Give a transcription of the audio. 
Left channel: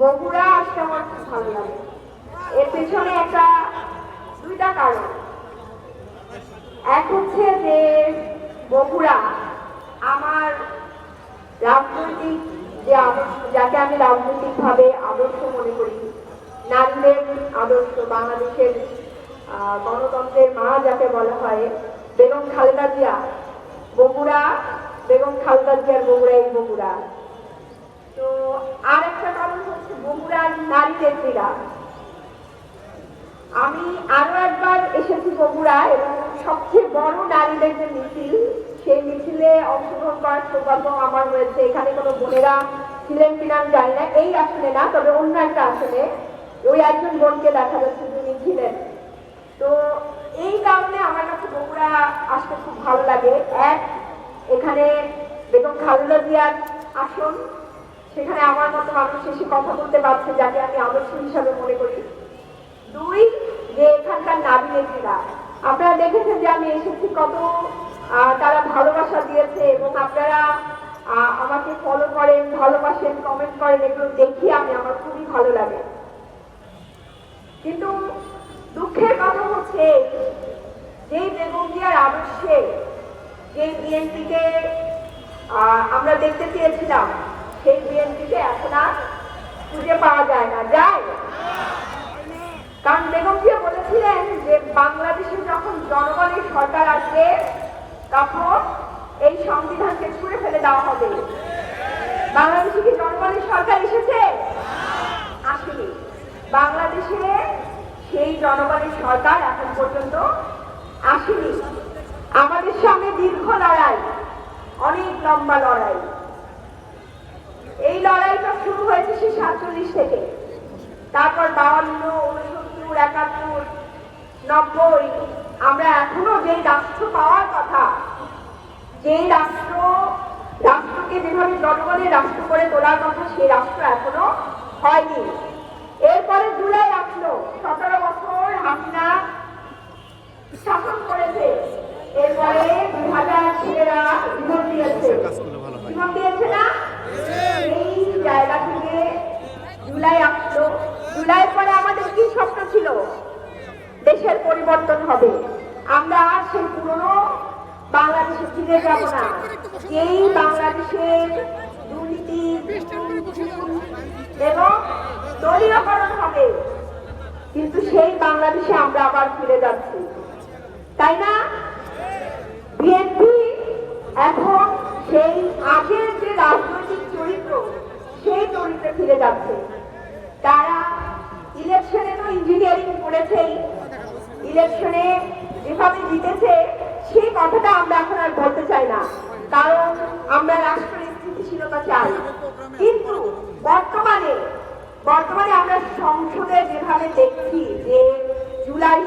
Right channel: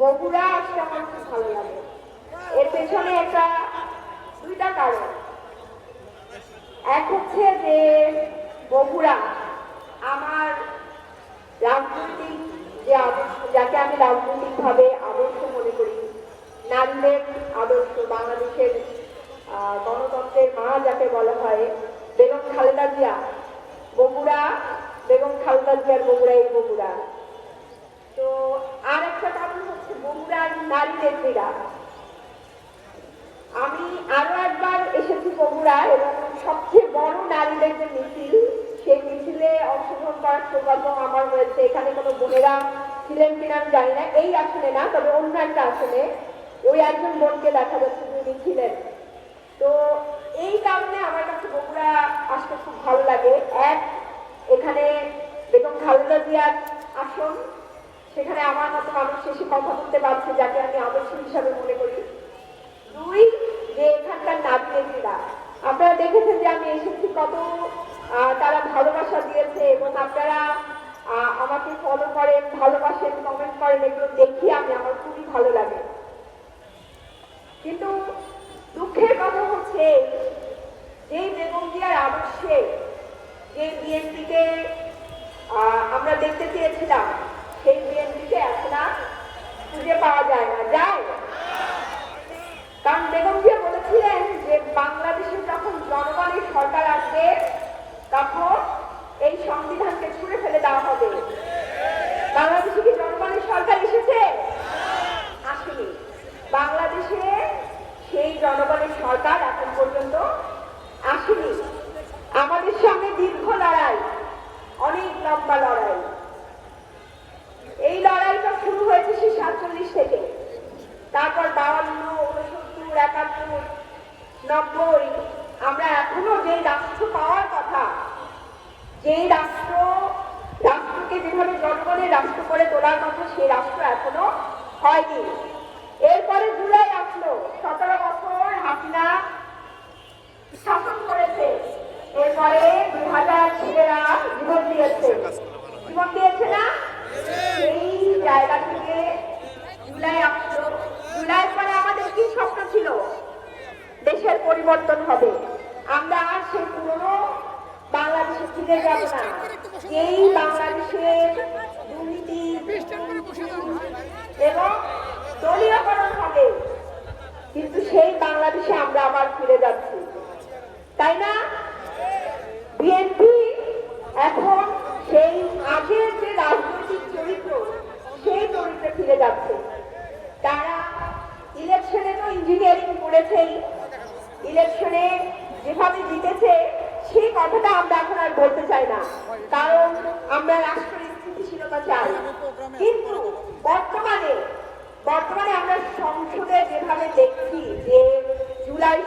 বগুড়া আসতে আমার খুব ভালো লাগে। এর পেছনে দুইটা কারণ। এক হচ্ছে যে বগুড়া আমার রাজনৈতিক যে আদর্শ, যাকে আমি রাজনৈতিকভাবে আদর্শ মনে করি, নারীদের আদর্শ, বাংলাদেশের গণতন্ত্রের মা যাকে বলা হয় বেগম খালেদা জিয়া, বগুড়া, বেগম খালেদা জিয়ার বগুড়া, এই বগুড়া। তো আর একটা কারণ হচ্ছে বগুড়ার নারী নেত্রীরা। আমি আরো একবার এসেছি বগুড়া এবং সবচেয়ে বড় নারীদের যে মিছিল, সেই মিছিলে অংশগ্রহণ করার সৌভাগ্য আমার হয়েছে। এখানে কোনো বোনেরা ছিলেন কিনা আমি জানি না, এই আসনে না, তবে অন্য একটা আসনে ওই একজন বোনকে দেখা যাচ্ছে যিনি ছিলেন। তো এই কারণে আমার কাছে বগুড়া আসতে খুব ভালো লাগে। এক, এখানে বেগম খালেদা জিয়ার আসন, সেখানে আমার মতো মানুষ এসে কথা বলতে পারছে, যাকে আমি আদর্শ হিসাবে মনে করি। দুই, যে এখানকার নারী নেত্রীরা, আপনারা দেখেছেন যে আমি এসেছি কত তারা ভালোবাসা দিয়েছে এবং আপনারা আমাকে ফলো করেন, ভালোবাসেন, কমেন্ট করেন, এগুলো দেখি আমার খুবই ভালো লাগে। কিন্তু দুঃখের কথা হচ্ছে যে বেগম জিয়ার আদর্শে যে বিএনপিকে আমরা দেখতে চেয়েছিলাম, সেই বিএনপিকে এখন আর খুঁজে পাওয়া যায় না। যায়, কারণ বেগম জিয়া বলেছিলেন যে বাংলাদেশে যখন জনগণের সরকার আসবে তখন এই সংবিধানকে ছুঁড়ে ফেলে দেওয়া হবে। বাংলাদেশে কি জনগণের সরকার এসেছে? আসেনি। বাংলাদেশে সেই জনগণের সরকার এখন পর্যন্ত আসেনি। আমাদের সামনে দীর্ঘ লড়াই, অনেক লম্বা লড়াই। এই লড়াইটা শুরু হয়েছে সেই 47 থেকে, তারপর 52, 69, 71, 90। আমরা এখনো যে রাষ্ট্র পাওয়ার কথা, যেই রাষ্ট্রকে যেভাবে জনগণের রাষ্ট্র করে তোলার কথা, সেই রাষ্ট্র এখনো হয়নি। এরপরে জুলাই আসলো, 17 বছর হাসিনা শাসন করেছে। এরপরে 2000 ছেলেরা জীবন দিয়েছে, জীবন দিয়েছে না? এই জায়গা থেকে জুলাই আসলো। জুলাই পরে আমাদের কি স্বপ্ন ছিল? দেশের পরিবর্তন হবে। আমরা আর সেই পুরনো বাংলাদেশে ফিরে যাব না, এই বাংলাদেশের দুর্নীতি এবং দলীয়করণ হবে। কিন্তু সেই বাংলাদেশে আমরা আবার ফিরে যাচ্ছি, তাই না? বিএনপি এখন সেই আগের যে রাজনৈতিক চরিত্র, সেই চরিত্রে ফিরে যাচ্ছে। তারা ইলেকশনে তো ইঞ্জিনিয়ারিং করেছেই, ইলেকশনে যেভাবে জিতেছে সেই কথাটা আমরা এখন আর বলতে চাই না, কারণ আমরা রাষ্ট্রের স্থিতিশীলতা চাই। কিন্তু বর্তমানে আমরা সংসদে যেভাবে দেখছি যে জুলাই